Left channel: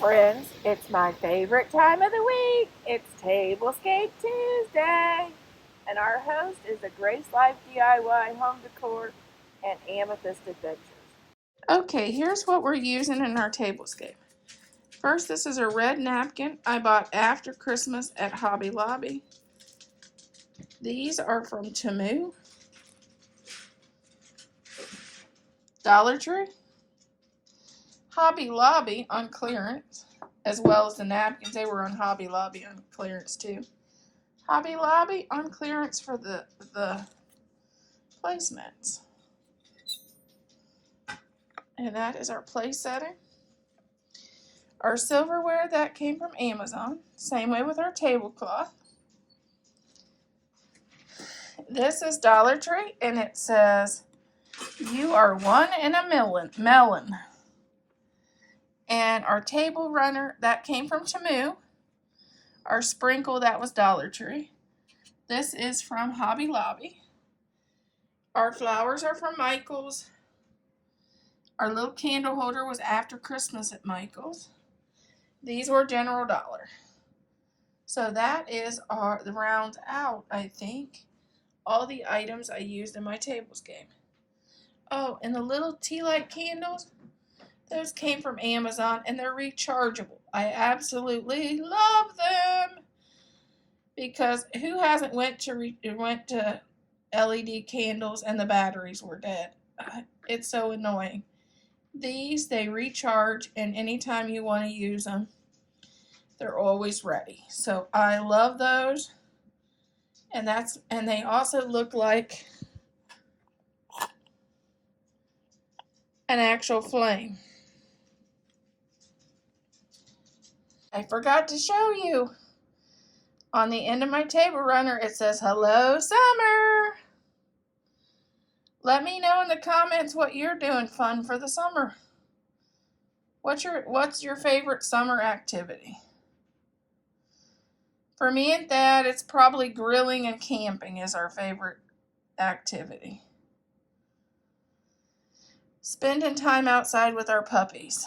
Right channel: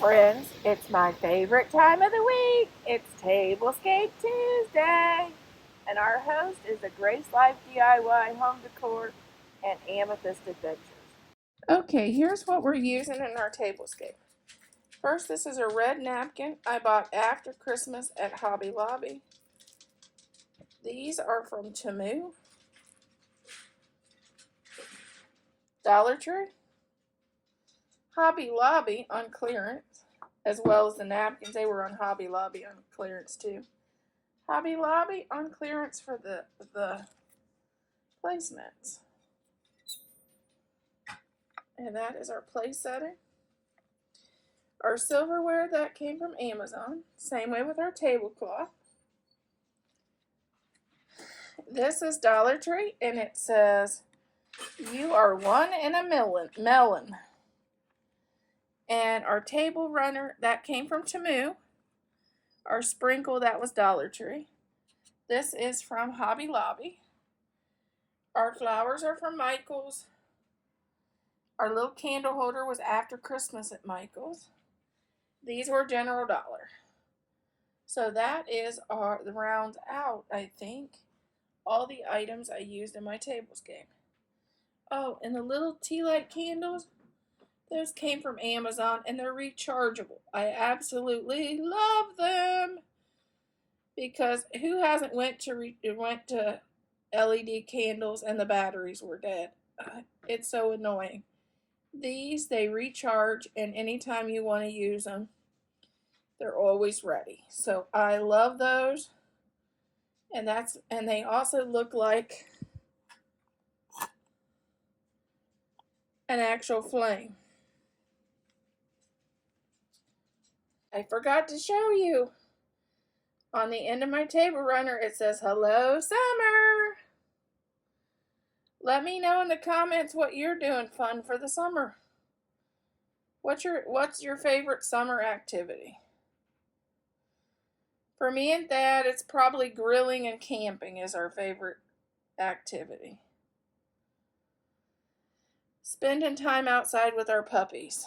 friends, it's my favorite time of the week. It's Tablescape Tuesday, and our host is a Grace Life DIY Home Decor and Amethyst Adventures. Okay, here's what we're using in our tablescape. First, this is a red napkin I bought after Christmas at Hobby Lobby. These are from Temu, Dollar Tree, Hobby Lobby on clearance, as well as the napkins. They were on Hobby Lobby on clearance too. Hobby Lobby on clearance for the placemats. And that is our place setting. Our silverware, that came from Amazon. Same way with our tablecloth. This is Dollar Tree, and it says, "You are one in a melon." And our table runner, that came from Temu. Our sprinkle, that was Dollar Tree. This is from Hobby Lobby. Our flowers are from Michael's. Our little candle holder was after Christmas at Michael's. These were General Dollar. So that is our round out, I think, all the items I used in my tablescape. Oh, and the little tea light candles, those came from Amazon, and they're rechargeable. I absolutely love them, because who hasn't went to LED candles and the batteries were dead? It's so annoying. These, they recharge, and anytime you want to use them, they're always ready. So I love those. And they also look like an actual flame. I forgot to show you. On the end of my table runner, it says, "Hello, summer." Let me know in the comments what you're doing fun for the summer. What's your favorite summer activity? For me and Dad, it's probably grilling and camping is our favorite activity. Spending time outside with our puppies.